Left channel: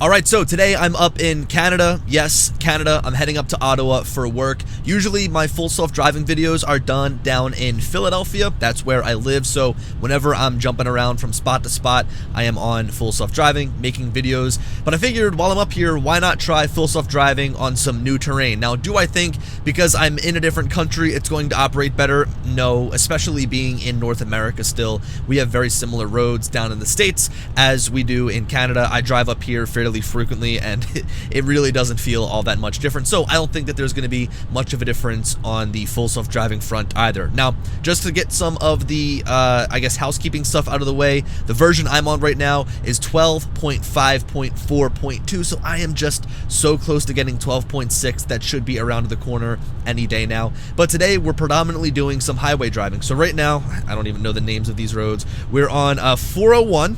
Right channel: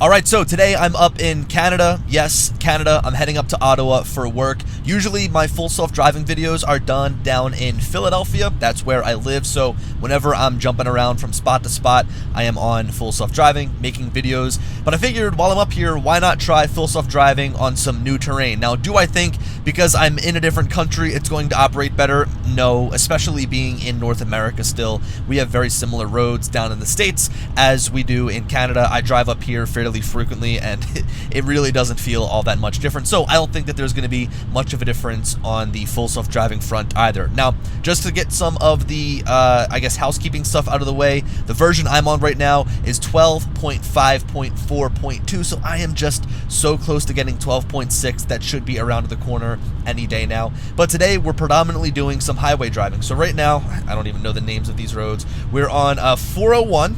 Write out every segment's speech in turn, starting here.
Alright, so today I'm up in Canada. Yes, Canada. I'm heading up to Ottawa for work. Usually my full self-driving videos are done down in Philadelphia. That's where I live, so whenever I'm jumping around from spot to spot, I am on full self-driving, making videos. But I figured while I'm up here, why not try full self-driving on some new terrain? Now, do I think because I'm in a different country it's going to operate better? No, especially being in North America still. We have very similar roads down in the States as we do in Canada. I drive up here fairly frequently and it really doesn't feel all that much different, so I don't think that there's going to be much of a difference on the full self-driving front either. Now, just to get some of the I guess housekeeping stuff out of the way, the version I'm on right now is 12.5.4.2, so I am just so close to getting 12.6 that should be around the corner any day now. But today we're predominantly doing some highway driving. So right now, I don't even know the names of these roads. We're on 401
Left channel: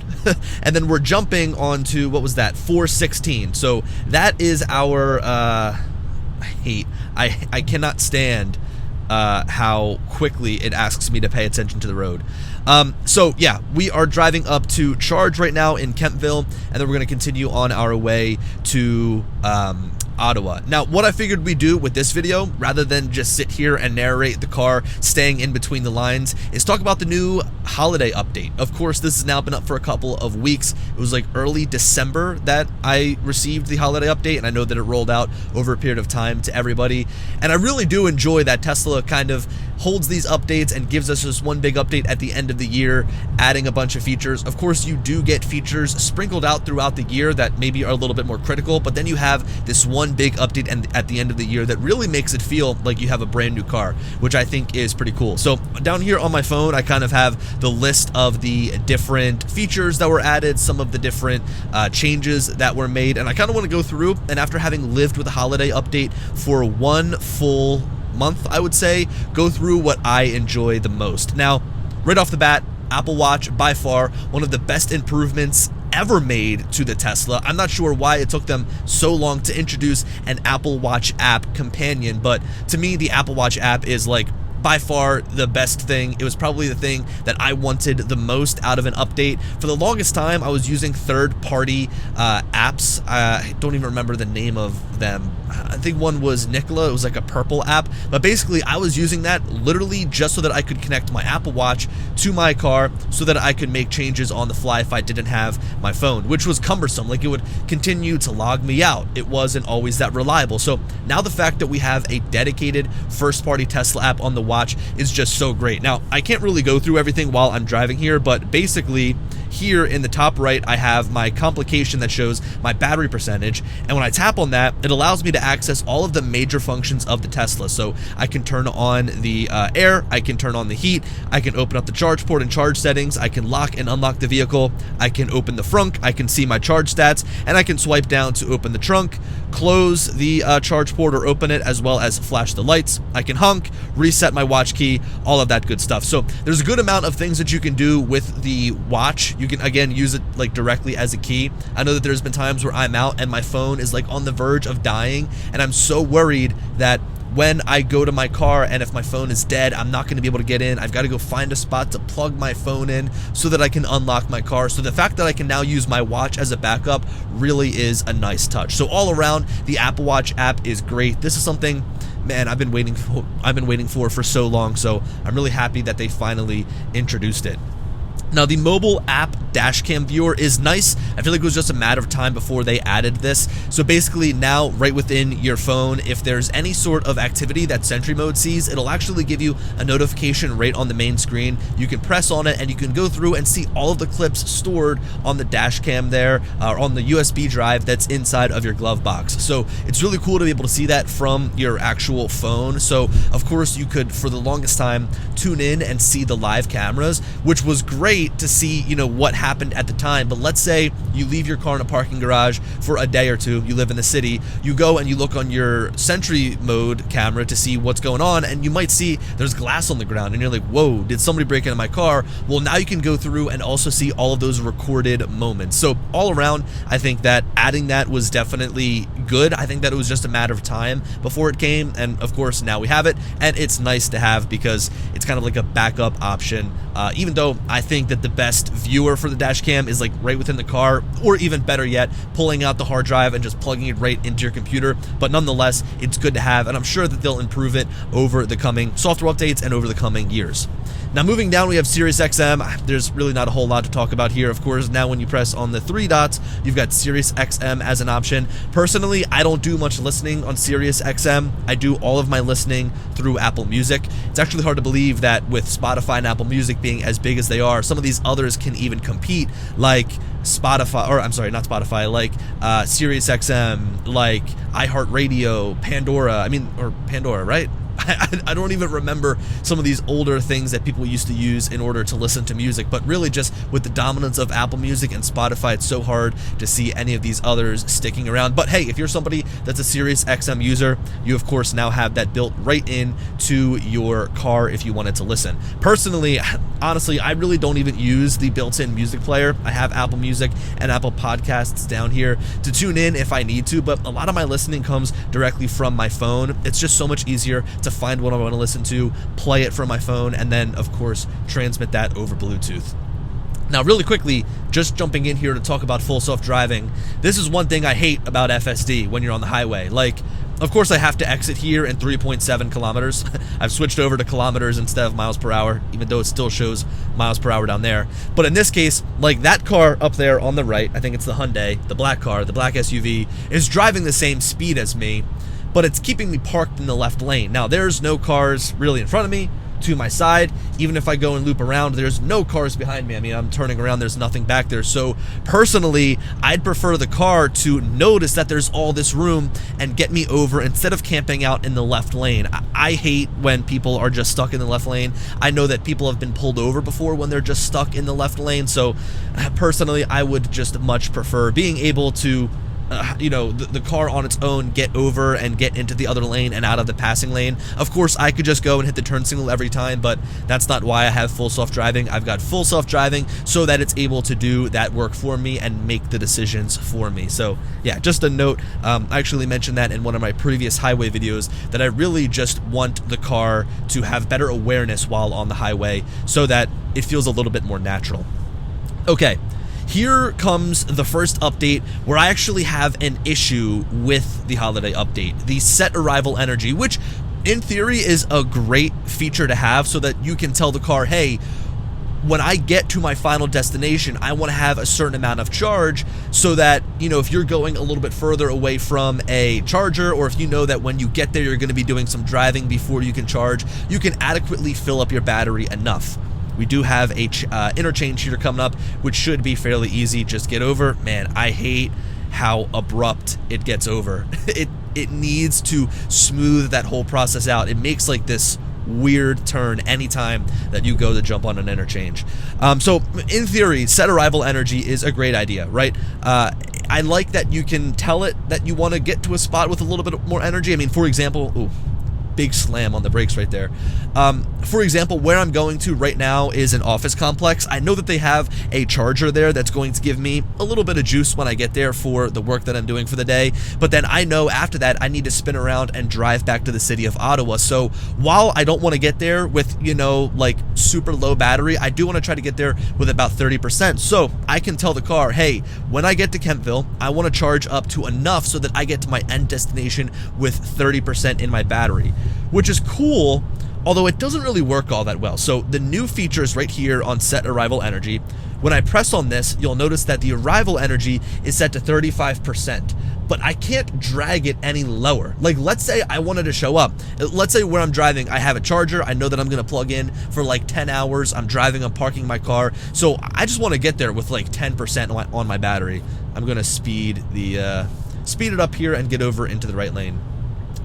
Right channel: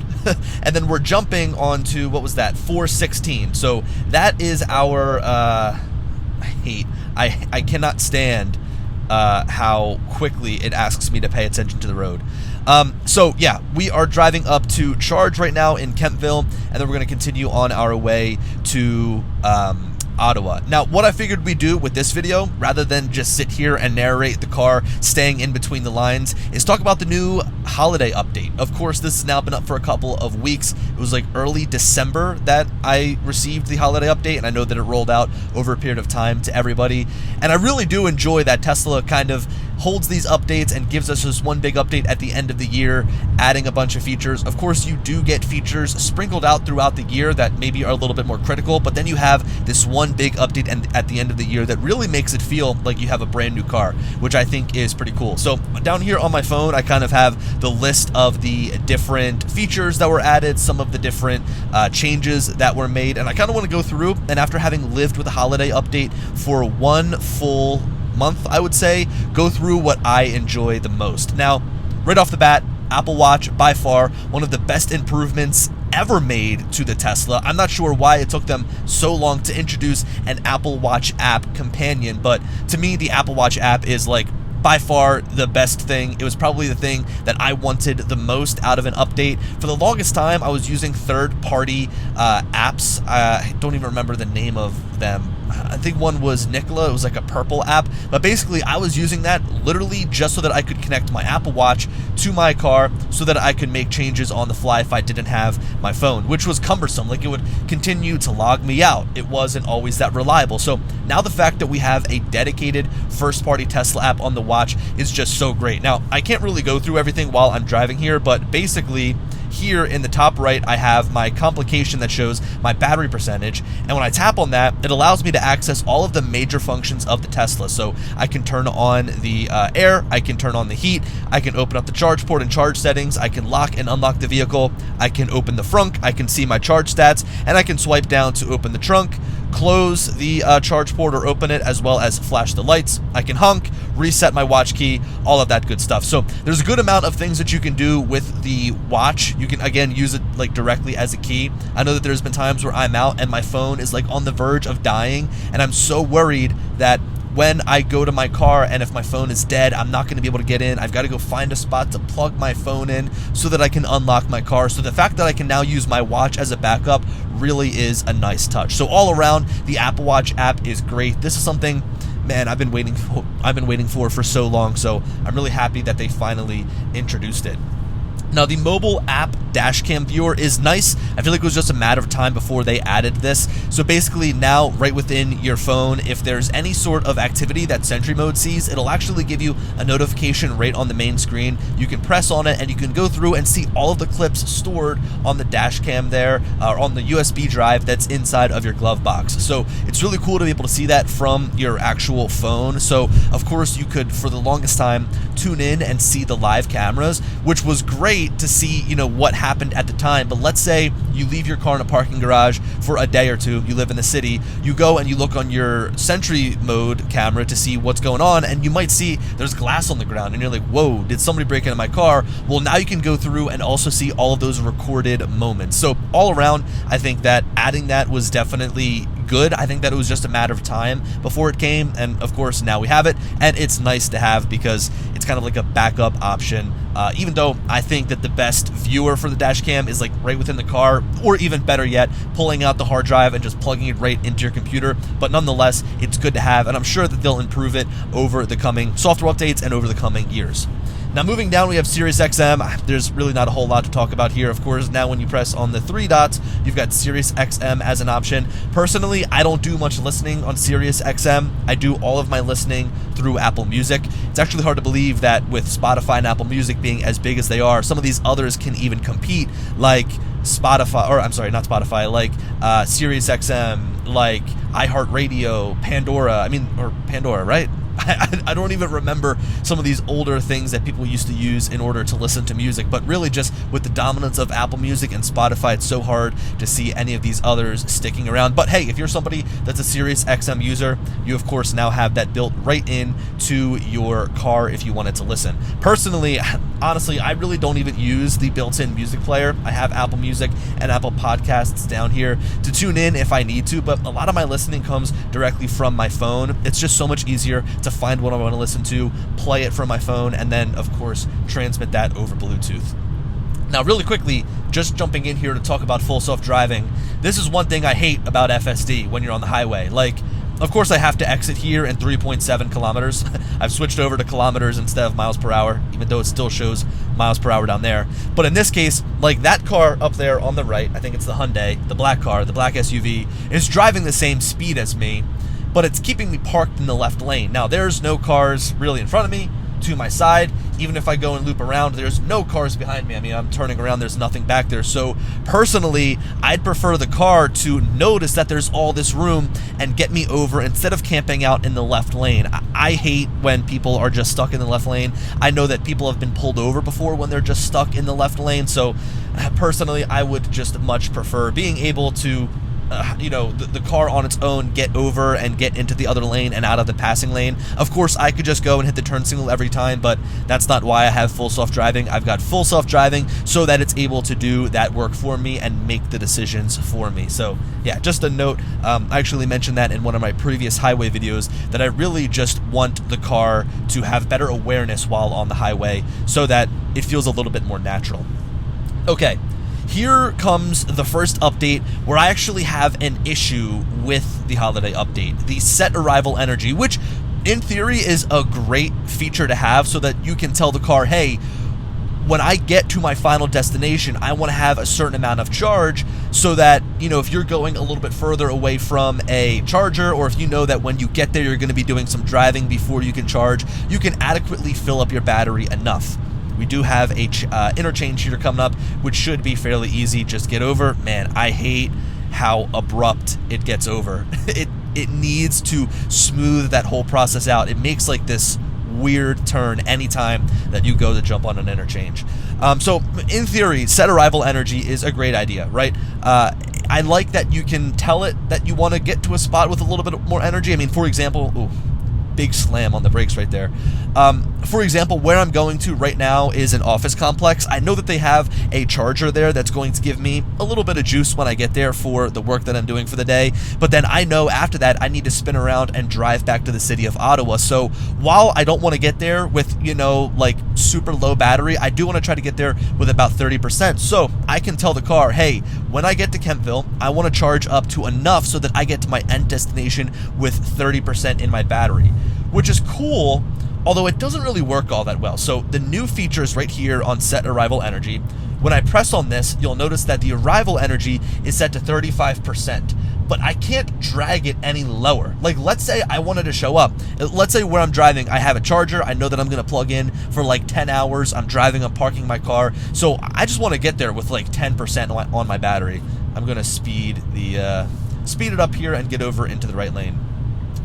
and then we're jumping onto, what was that, 416. So that is our I cannot stand how quickly it asks me to pay attention to the road. So yeah, we are driving up to Charge right now in Kentville, and then we're going to continue on our way to Ottawa. Now, what I figured we'd do with this video, rather than just sit here and narrate the car staying in between the lines, is talk about the new holiday update. Of course, this has now been up for a couple of weeks. It was like early December that I received the holiday update, and I know that it rolled out over a period of time to everybody. And I really do enjoy that Tesla kind of holds these updates and gives us just one big update at the end of the year, adding a bunch of features. Of course, you do get features sprinkled out throughout the year that maybe are a little bit more critical, but then you have this one big update at the end of the year that really makes it feel like you have a brand new car, which I think is pretty cool. So down here on my phone, I kind of have the list of the different features that were added, some of the different changes that were made, and I kind of want to go through, and after having lived with a holiday update for one full month, I would say, go through what I enjoy the most. Now, right off the bat, Apple Watch, by far, one of the best improvements ever made to the Tesla. I'm not sure why it took them so long to introduce an Apple Watch app companion, but to me, the Apple Watch app is like by far the best thing. It was probably the thing that I wanted the most out of an update. For the longest time, I was using third-party apps. I don't even remember the name of them. I think one was Nikola. It was like a purple app. But basically, I was using that literally just so that I could connect my Apple Watch to my car so that I could make changes on the fly if I didn't have my phone, which was cumbersome. Like, it would continue to log me out. It wasn't always that reliable. So now the fact that we have a dedicated first-party Tesla app on the watch is just so great. Now, I can't really go through everything while I'm driving here, but basically here in the top right, I have my complication that shows my battery percentage, and when I tap on that, it allows me to access all of the major functions of the Tesla. So I can turn on the air, I can turn on the heat, I can open up the charge port and charge settings, I can lock and unlock the vehicle, I can open the frunk, I can see my charge stats, and I can swipe down to open the trunk, close the charge port or open it, as well as flash the lights. I can honk, reset my watch key, all of that good stuff. So there's a good amount of things that you can do with the watch. You can, again, use it like directly as a key. I know that there's been times where I'm out and my phone is like on the verge of dying, and I'm so worried that when I go to my car and if my phone is dead, I'm not going to be able to get in. I've got to go find a spot to plug my phone in so that I can unlock my car. So the fact that I can now use my watch as a backup really is a nice touch. So all around, the Apple Watch app is great. This is something, man, I've been waiting for so long. So I'm really happy that they finally introduced it. Now, the mobile app dashcam viewer is nice. I feel like it was just a matter of time before they added this. So basically now, right within your phone, if there's any sort of activity that Sentry Mode sees, it'll actually give you a notification right on the main screen. You can press on it and you can go through and see all of the clips stored on the dashcam there, or on the USB drive that's inside of your glove box. So it's really cool to be able to see that from your actual phone. So of course you could, for the longest time, tune in and see the live cameras, which was great to see, you know, what happened at the time. But let's say you leave your car in a parking garage for a day or two, you live in the city, you go and you look on your Sentry Mode camera to see what's going on, and you might see there's glass on the ground and you're like, whoa, did somebody break into my car? Well, now you can go through and also see all of those recorded moments. So all around, I think that adding that was definitely good. I think that it was just a matter of time before it came, and of course now we have it, and it's nice to have because it's kind of like a backup option. Even though I think that the best viewer for the dash cam is like right within the car, or even better yet, pulling out the hard drive and just plugging it right into your computer. But nonetheless, it's good to have, and I'm sure that they'll improve it over the coming software updates and over the coming years. Now moving down, we have Sirius XM. There's really not a whole lot to talk about here. Of course, now when you press on the 3 dots, you've got Sirius XM as an option. Personally, I don't do much listening on Sirius XM. I do all of my listening through Apple Music. It's actually hard to believe that with Spotify and Apple Music being as big as they are, some of these others can even compete, like Spotify, or I'm sorry, not Spotify, like Sirius XM, like iHeartRadio, Pandora, right? I don't even remember some of these older things that people used to use in order to listen to music, but really just with the dominance of Apple Music and Spotify, it's so hard to see any of these others sticking around. But hey, if you're somebody that's a Sirius XM user, you of course now have that built right in to your car if you wanted to listen. Personally, honestly, I really don't even use the built-in music player. I have Apple Music and Apple Podcasts down here to tune in if I need to, but a lot of my listening comes directly from my phone. It's just so much easier to find what I want to listen to, play it from my phone, and then, of course, transmit that over Bluetooth. Now, really quickly, just jumping in here to talk about full self-driving, this is one thing I hate about FSD when you're on the highway. Like, of course, I have to exit here in 3.7 kilometers. I've switched over to kilometers instead of miles per hour, even though it still shows miles per hour down there. But in this case, like that car up there on the right, I think it's the Hyundai, the black car, the black SUV, is driving the same speed as me, but it's keeping me parked in the left lane. Now, there's no cars really in front of me, to my side. Even if I go and loop around, there's no cars behind me. I mean, I'm turning around, there's nothing back there. So personally, I'd prefer the car to notice that there's all this room and get me over instead of camping out in the left lane. I hate when people are just stuck in the left lane. I know that people have been pulled over before when they're just stuck in the left lane. So personally, I would just much prefer being able to the car on its own get over and get into the other lane and out of the passing lane. Of course, I could just go and hit the turn signal every time, but that's not why I have full self-driving. I've got full self-driving so that it's able to do that work for me and make the decisions for me. So yeah, just a note, I actually mentioned that in one of my previous highway videos, that I really just want the car to have better awareness while on the highway so that it feels a little bit more natural. Okay. Here comes the first update where I actually have an issue with the holiday update, the set arrival energy, which in theory is a great feature to have so that you can tell the car, hey, when I get to my final destination, I want to have a certain amount of charge so that, if you're going a little bit further away from a charger, or if you know that when you get there, you're going to be doing some driving before you can charge, you can adequately fill up your battery enough. We do have a interchange here coming up, which should be fairly easy. Just get over. Man, I hate how abrupt it gets over. It needs to smooth that whole process out. It makes like this weird turn anytime that you go to jump on an interchange. So in theory, set arrival energy is a great idea, right? I like that you can tell it that you want to get to a spot with a little bit more energy. I mean, for example, big slam on the brakes right there. For example, where I'm going to right now is an office complex. I know that they have a charger there that's going to give me a little bit of juice when I get there for the work that I'm doing for the day. But then I know after that I need to spin around and drive back to the city of Ottawa. So while I don't want to get there with, like super low battery, I do want to try to get there with about 30%. So I can tell the car, hey, when I get to Kentville, I want to charge up to enough so that I get to my end destination with 30% in my battery, which is cool, although it doesn't really work all that well. So the new features right here on set arrival energy, when I press on this, you'll notice that the arrival energy is set to 35%, but I can't drag it any lower. Like, let's say I wanted to show up. Let's say where I'm driving, I have a charger. I know that I'm going to plug in for like 10 hours. I'm driving, I'm parking my car. So I just want to get there with like 10% on my battery. I'm going to speed it up here and get over into the right lane.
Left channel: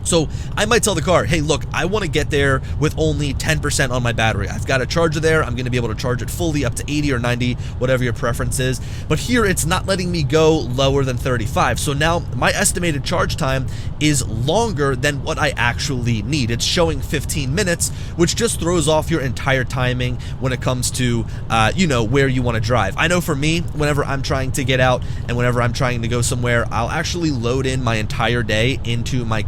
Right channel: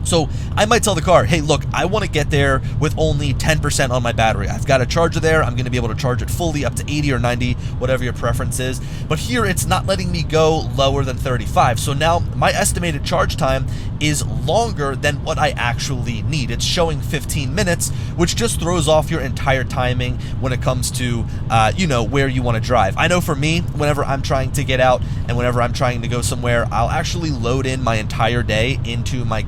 So I might tell the car, hey, look, I want to get there with only 10% on my battery. I've got a charger there. I'm going to be able to charge it fully up to 80 or 90, whatever your preference is. But here it's not letting me go lower than 35. So now my estimated charge time is longer than what I actually need. It's showing 15 minutes, which just throws off your entire timing when it comes to, where you want to drive. I know for me, whenever I'm trying to get out and whenever I'm trying to go somewhere, I'll actually load in my entire day into my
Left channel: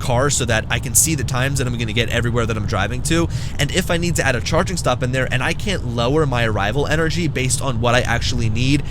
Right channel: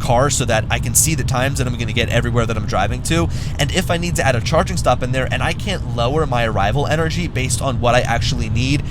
car so that I can see the times that I'm going to get everywhere that I'm driving to. And if I need to add a charging stop in there and I can't lower my arrival energy based on what I actually need,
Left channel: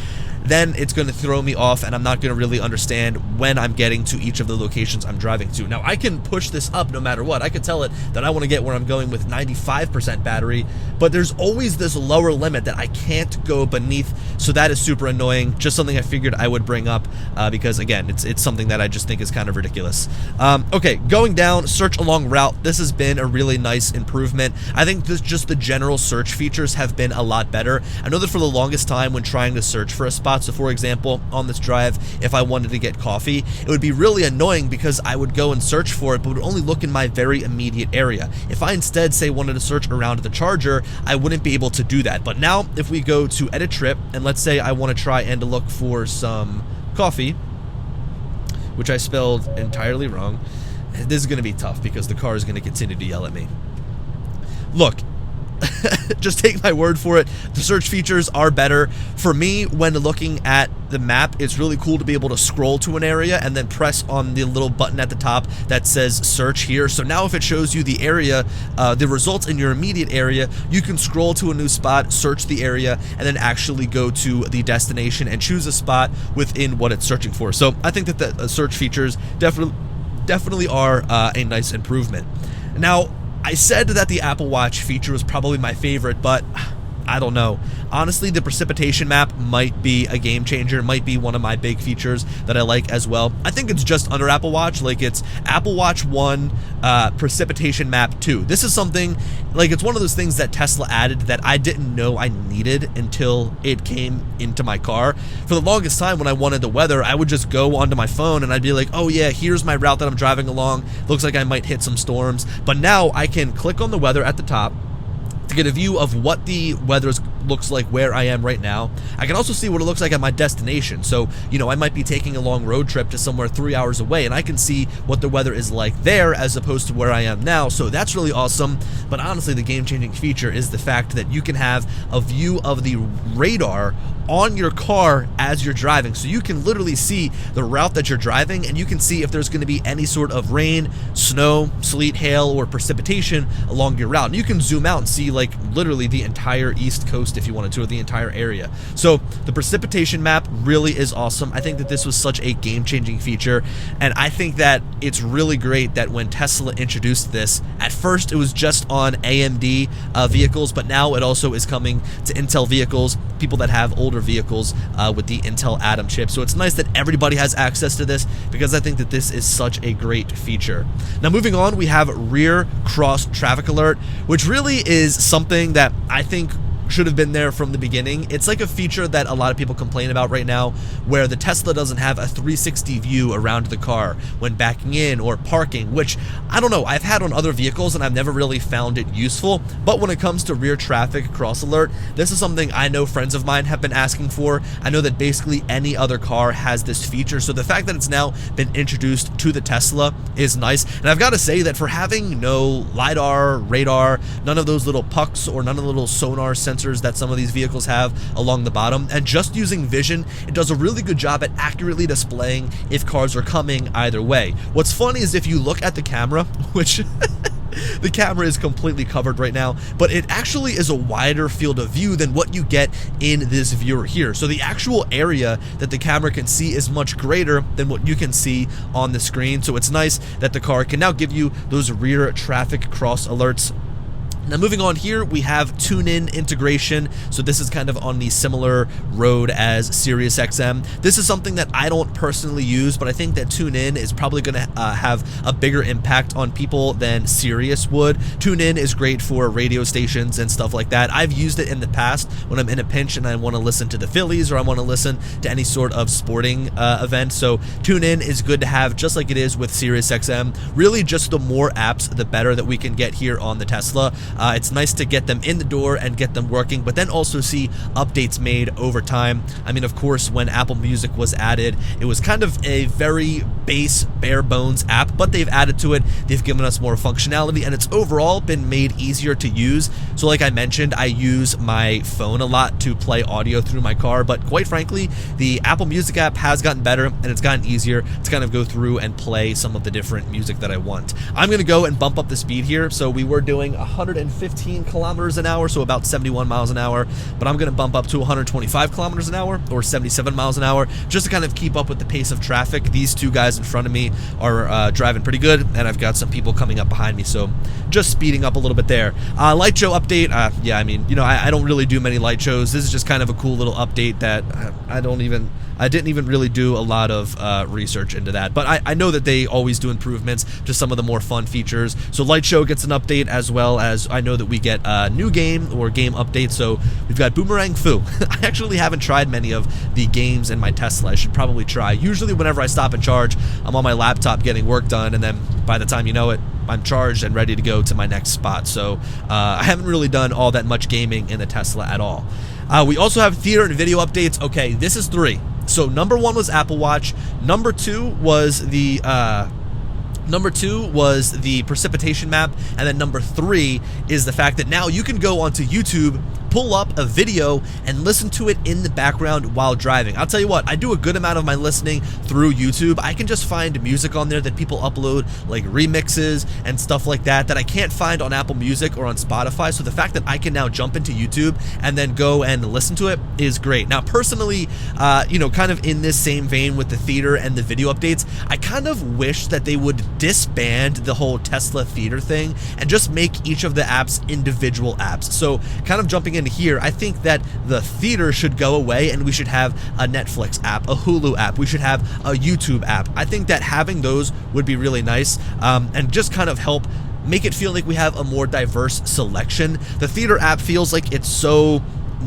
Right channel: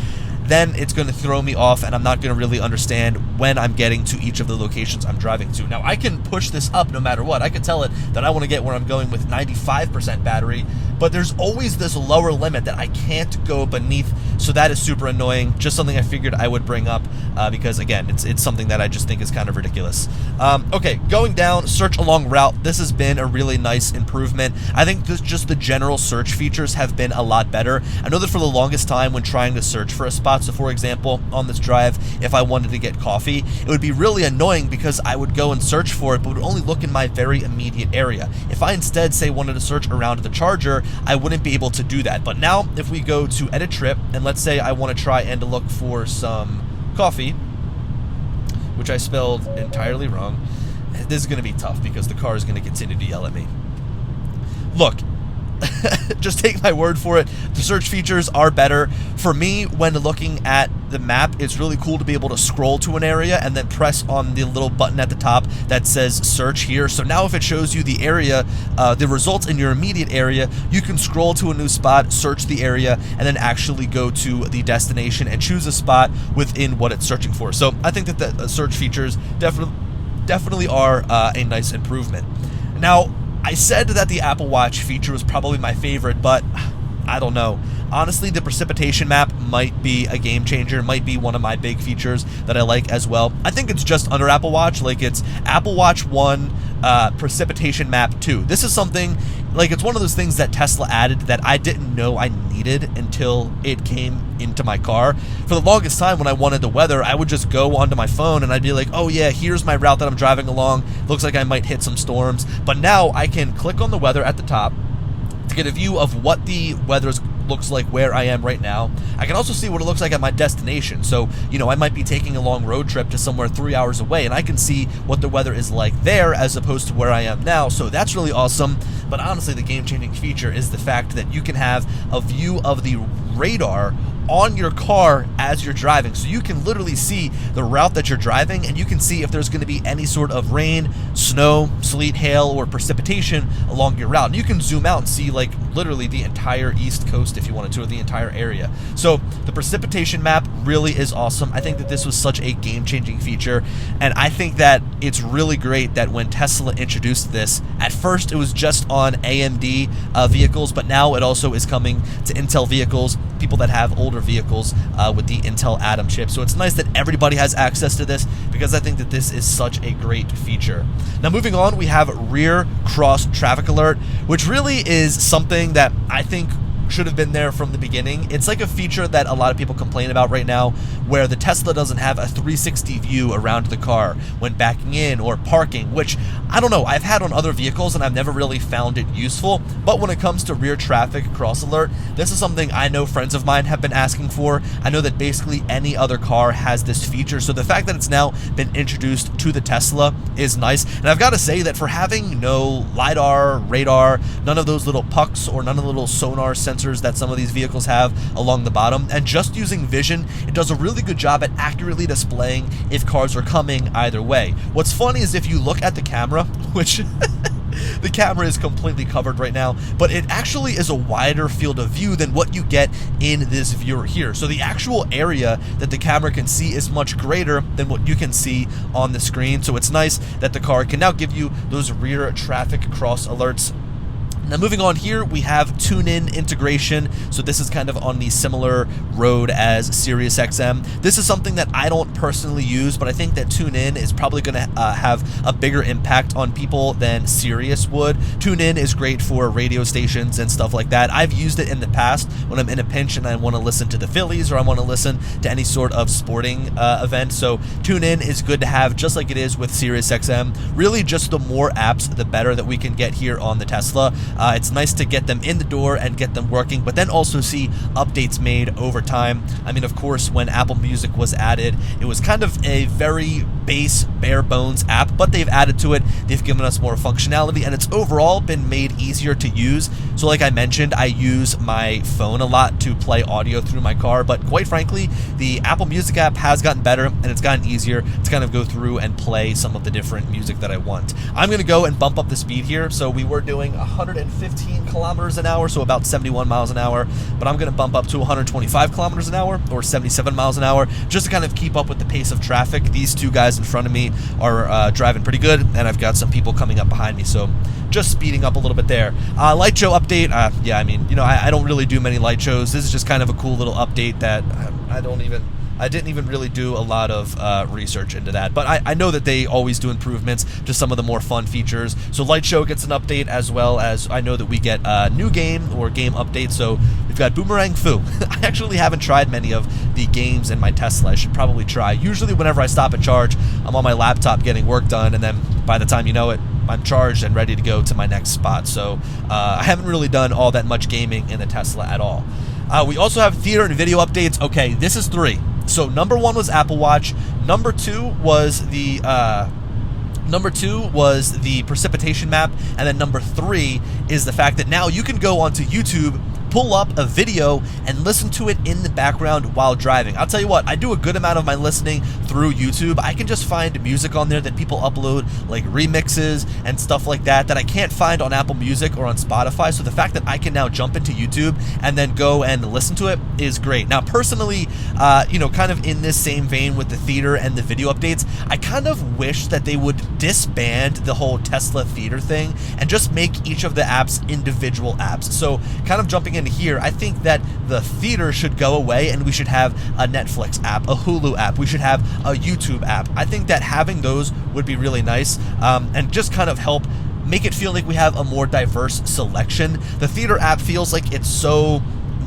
then it's going to throw me off and I'm not going to really understand when I'm getting to each of the locations I'm driving to. Now, I can push this up no matter what. I could tell it that I want to get where I'm going with 95% battery, but there's always this lower limit that I can't go beneath, so that is super annoying. Just something I figured I would bring up because, again, it's something that I just think is kind of ridiculous. Okay, going down, search along route. This has been a really nice improvement. I think just the general search features have been a lot better. I know that for the longest time when trying to search for a spot, so for example, on this drive, if I wanted to get coffee, it would be really annoying because I would go and search for it, but would only look in my very immediate area. If I instead, say, wanted to search around the charger, I wouldn't be able to do that. But now, if we go to edit trip, and let's say I want to try and look for some coffee, which I spelled entirely wrong, this is going to be tough because the car is going to continue to yell at me. Look, just take my word for it. The search features are better. For me, when looking at the map, it's really cool to be able to scroll to an area and then press on the little button at the top that says search here. So now if it shows you the area, the results in your immediate area, you can scroll to a new spot, search the area, and then actually go to the destination and choose a spot within what it's searching for. So I think that the search features definitely are a nice improvement. Now, I said that the Apple Watch feature was probably my favorite, but I don't know. Honestly, the precipitation map might be a game changer, might be one of my big features that I like as well. I think it's just under Apple Watch, like it's Apple Watch 1, precipitation map 2. This is something, like it's one of those things that Tesla added that I didn't know I needed until it came into my car. For the longest time when I wanted the weather, I would just go onto my phone and I'd be like, oh yeah, here's my route that I'm driving along. Looks like I might hit some storms. But now I can click on the weather at the top to get a view of what the weather looks like where I am right now. I can also see what it looks like at my destination. So, I might be taking a long road trip to somewhere 3 hours away, and I can see what the weather is like there as opposed to where I am now. So that's really awesome. But honestly, the game-changing feature is the fact that you can have a view of the radar on your car as you're driving. So you can literally see the route that you're driving, and you can see if there's going to be any sort of rain, snow, sleet, hail, or precipitation along your route. And you can zoom out and see like literally the entire East Coast if you wanted to, or the entire area. So the precipitation map really is awesome. I think that this was such a game-changing feature, and I think that it's really great that when Tesla introduced this, at first it was just on AMD vehicles, but now it also is coming to Intel vehicles, people that have older vehicles with the Intel Atom chip. So it's nice that everybody has access to this because I think that this is such a great feature. Now moving on, we have rear cross traffic alert, which really is something that I think should have been there from the beginning. It's like a feature that a lot of people complain about right now, where the Tesla doesn't have a 360 view around the car when backing in or parking, which I don't know, I've had on other vehicles and I've never really found it useful. But when it comes to rear traffic cross alert, this is something I know friends of mine have been asking for. I know that basically any other car has this feature, so the fact that it's now been introduced to the Tesla is nice. And I've got to say that for having no LiDAR, radar, none of those little pucks or none of the little sonar sensors that some of these vehicles have along the bottom, and just using vision, it does a really good job at accurately displaying if cars are coming either way. What's funny is if you look at the camera, which the camera is completely covered right now, but it actually is a wider field of view than what you get in this viewer here. So the actual area that the camera can see is much greater than what you can see on the screen. So it's nice that the car can now give you those rear traffic cross alerts Now moving on here, we have TuneIn integration. So this is kind of on the similar road as SiriusXM. This is something that I don't personally use, but I think that TuneIn is probably going to have a bigger impact on people than Sirius would. TuneIn is great for radio stations and stuff like that. I've used it in the past when I'm in a pinch and I want to listen to the Phillies or I want to listen to any sort of sporting event. So TuneIn is good to have, just like it is with SiriusXM. Really, just the more apps, the better that we can get here on the Tesla. It's nice to get them in the door and get them working, but then also see updates made over time. I mean, of course, when Apple Music was added, it was kind of a very base, bare bones app, but they've added to it. They've given us more functionality, and it's overall been made easier to use. So like I mentioned, I use my phone a lot to play audio through my car, but quite frankly, the Apple Music app has gotten better, and it's gotten easier to kind of go through and play some of the different music that I want. I'm going to go and bump up the speed here. So we were doing 115 kilometers an hour, so about 71 miles an hour, but I'm going to bump up to 125 kilometers an hour or 77 miles an hour just to kind of keep up with the pace of traffic. These two guys in front of me are driving pretty good, and I've got some people coming up behind me, so just speeding up a little bit there. Light show update. Yeah, I mean, you know, I don't really do many light shows. This is just kind of a cool little update that I didn't even really do a lot of research into that, but I know that they always do improvements to some of the more fun features. So Light Show gets an update, as well as I know that we get a new game or game updates. So we've got Boomerang Foo. I actually haven't tried many of the games in my Tesla. I should probably try. Usually whenever I stop and charge, I'm on my laptop getting work done, and then by the time you know it, I'm charged and ready to go to my next spot. So I haven't really done all that much gaming in the Tesla at all. We also have theater and video updates. Okay, this is 3. So number 1 was Apple Watch. Number 2 was the precipitation map, and then number 3 is the fact that now you can go onto YouTube, pull up a video, and listen to it in the background while driving. I'll tell you what, I do a good amount of my listening through YouTube. I can just find music on there that people upload, like remixes and stuff like that, that I can't find on Apple Music or on Spotify. So the fact that I can now jump into YouTube and then go and listen to it is great. Now, personally, you know, kind of in this same vein with the theater and the video updates, I kind of wish that they would disband the whole Tesla theater thing and just make each of the apps individual apps. So kind of jumping in here, I think that the theater should go away and we should have a Netflix app, a Hulu app, we should have a YouTube app. I think that having those would be really nice, and just kind of help make it feel like we have a more diverse selection. The theater app feels like it's so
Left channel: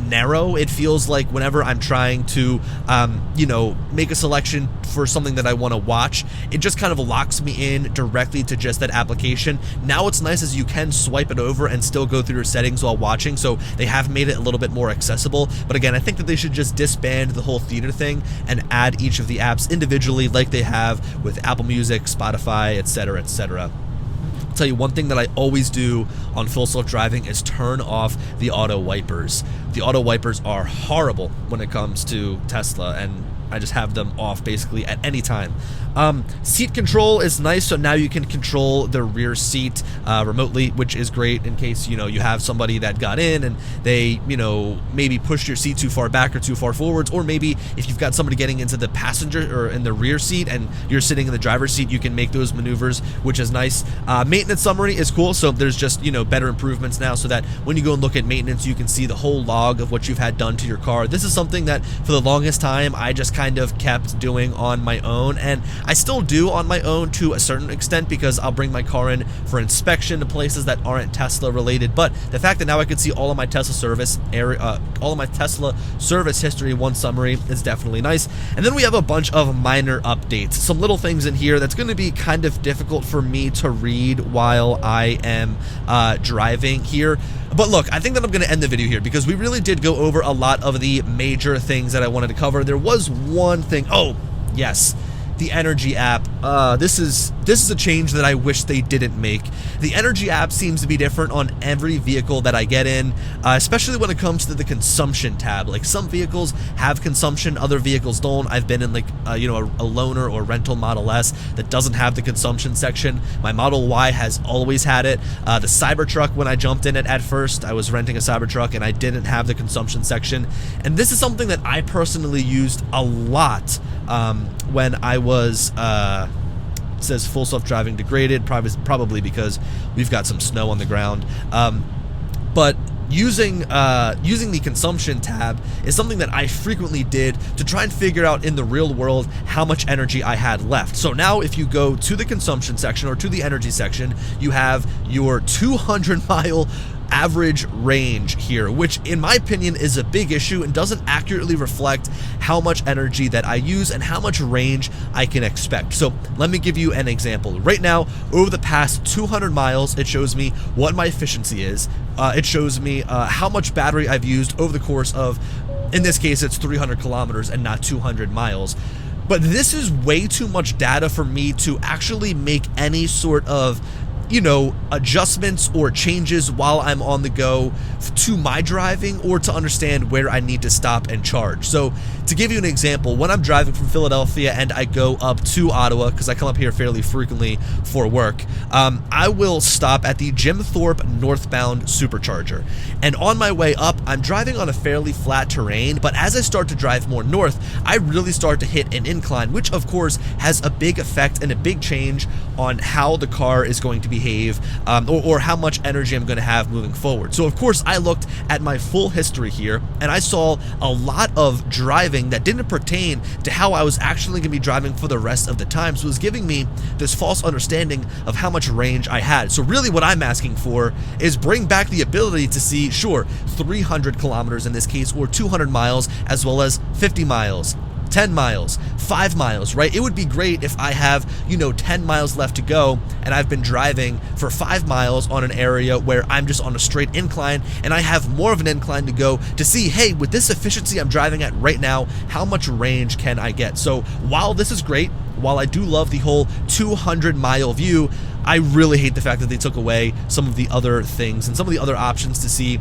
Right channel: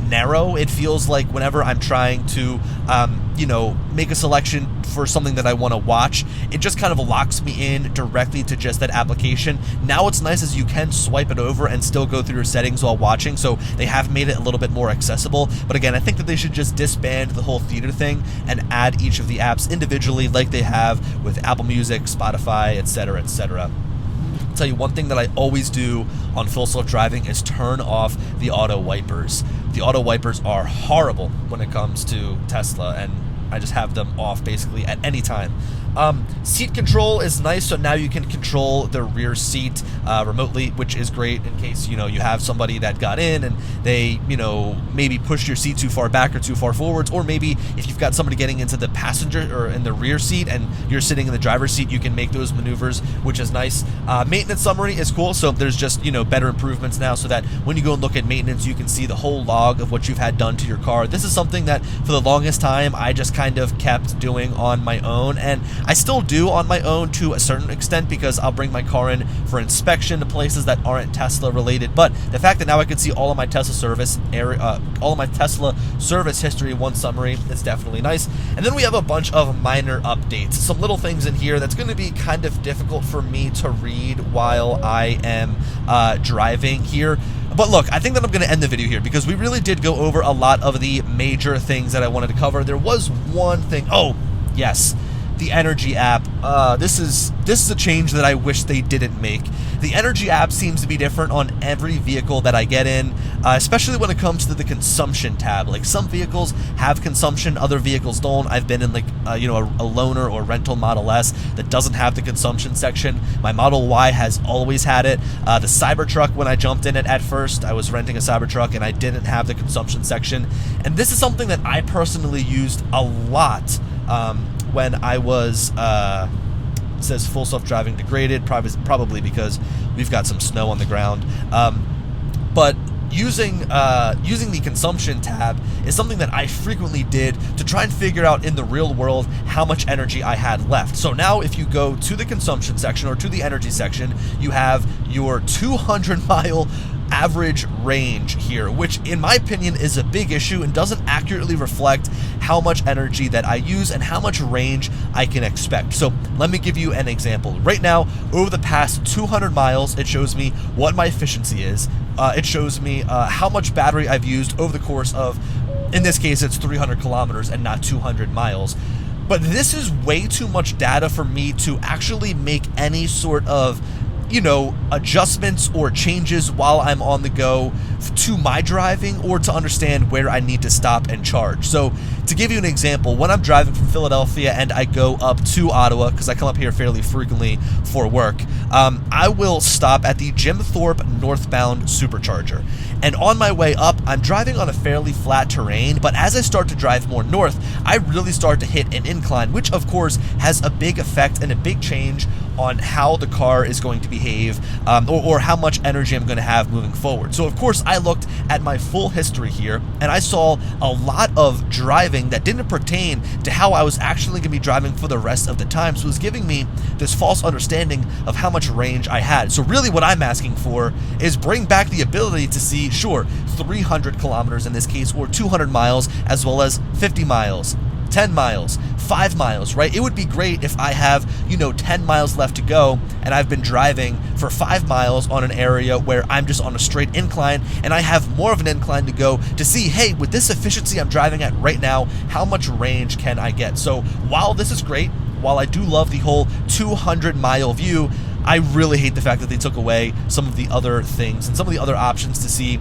narrow. It feels like whenever I'm trying to you know, make a selection for something that I want to watch, it just kind of locks me in directly to just that application. Now what's nice is you can swipe it over and still go through your settings while watching, so they have made it a little bit more accessible. But again, I think that they should just disband the whole theater thing and add each of the apps individually like they have with Apple Music, Spotify, etc., etc. Tell you one thing that I always do on full self-driving is turn off the auto wipers. The auto wipers are horrible when it comes to Tesla, and I just have them off basically at any time. Seat control is nice, so now you can control the rear seat remotely, which is great in case, you know, you have somebody that got in and they, you know, maybe pushed your seat too far back or too far forwards, or maybe if you've got somebody getting into the passenger or in the rear seat and you're sitting in the driver's seat, you can make those maneuvers, which is nice. Maintenance summary is cool, so there's just, you know, better improvements now so that when you go and look at maintenance, you can see the whole log of what you've had done to your car. This is something that for the longest time I just kind of kept doing on my own, and I still do on my own to a certain extent because I'll bring my car in for inspection to places that aren't Tesla related. But the fact that now I can see all of my Tesla service history in one summary is definitely nice. And then we have a bunch of minor updates, some little things in here that's going to be kind of difficult for me to read while I am driving here. But look, I think that I'm going to end the video here because we really did go over a lot of the major things that I wanted to cover. There was one thing. Oh, yes. The Energy app. This is a change that I wish they didn't make. The Energy app seems to be different on every vehicle that I get in, especially when it comes to the consumption tab. Like some vehicles have consumption, other vehicles don't. I've been in like you know, a loaner or rental Model S that doesn't have the consumption section. My Model Y has always had it. The Cybertruck, when I jumped in it at first, I was renting a Cybertruck and I didn't have the consumption section. And this is something that I personally used a lot when I was, it says full self-driving degraded, probably because we've got some snow on the ground. but using the consumption tab is something that I frequently did to try and figure out in the real world how much energy I had left. So now if you go to the consumption section or to the energy section, you have your 200-mile average range here, which in my opinion is a big issue and doesn't accurately reflect how much energy that I use and how much range I can expect. So let me give you an example. Right now, over the past 200 miles, it shows me what my efficiency is. It shows me how much battery I've used over the course of, in this case, it's 300 kilometers and not 200 miles. But this is way too much data for me to actually make any sort of adjustments or changes while I'm on the go to my driving or to understand where I need to stop and charge. So to give you an example, when I'm driving from Philadelphia and I go up to Ottawa, because I come up here fairly frequently for work, I will stop at the Jim Thorpe northbound supercharger. And on my way up, I'm driving on a fairly flat terrain, but as I start to drive more north, I really start to hit an incline, which of course has a big effect and a big change on how the car is going to behave, or how much energy I'm going to have moving forward. So of course I looked at my full history here and I saw a lot of driving that didn't pertain to how I was actually going to be driving for the rest of the time. So it was giving me this false understanding of how much range I had. So really what I'm asking for is bring back the ability to see, sure, 300 kilometers in this case, or 200 miles, as well as 50 miles. 10 miles, 5 miles, right? It would be great if I have, 10 miles left to go and I've been driving for 5 miles on an area where I'm just on a straight incline and I have more of an incline to go to see, hey, with this efficiency I'm driving at right now, how much range can I get? So while this is great, while I do love the whole 200-mile view, I really hate the fact that they took away some of the other things and some of the other options to see,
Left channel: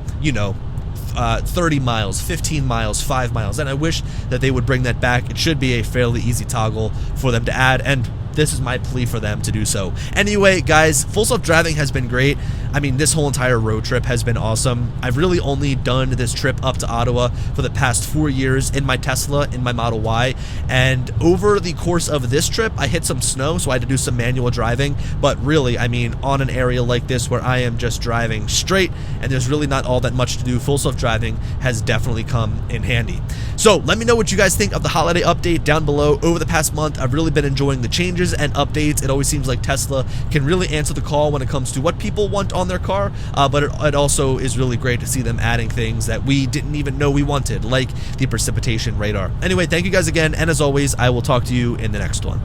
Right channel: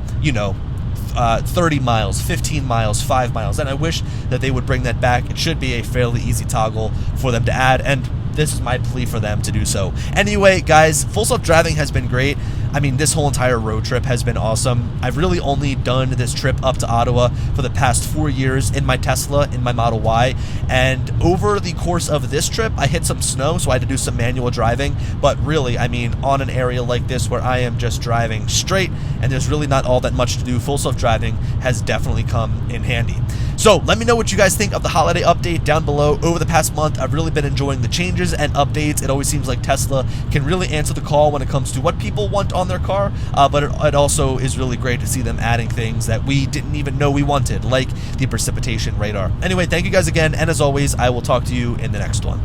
30 miles, 15 miles, 5 miles, and I wish that they would bring that back. It should be a fairly easy toggle for them to add, and this is my plea for them to do so. Anyway, guys, full self-driving has been great. I mean, this whole entire road trip has been awesome. I've really only done this trip up to Ottawa for the past 4 years in my Tesla, in my Model Y, and over the course of this trip, I hit some snow, so I had to do some manual driving, but really, I mean, on an area like this where I am just driving straight, and there's really not all that much to do, full self-driving has definitely come in handy. So let me know what you guys think of the holiday update down below. Over the past month, I've really been enjoying the changes and updates. It always seems like Tesla can really answer the call when it comes to what people want on their car, but it also is really great to see them adding things that we didn't even know we wanted, like the precipitation radar. Anyway, thank you guys again, and as always, I will talk to you in the next one.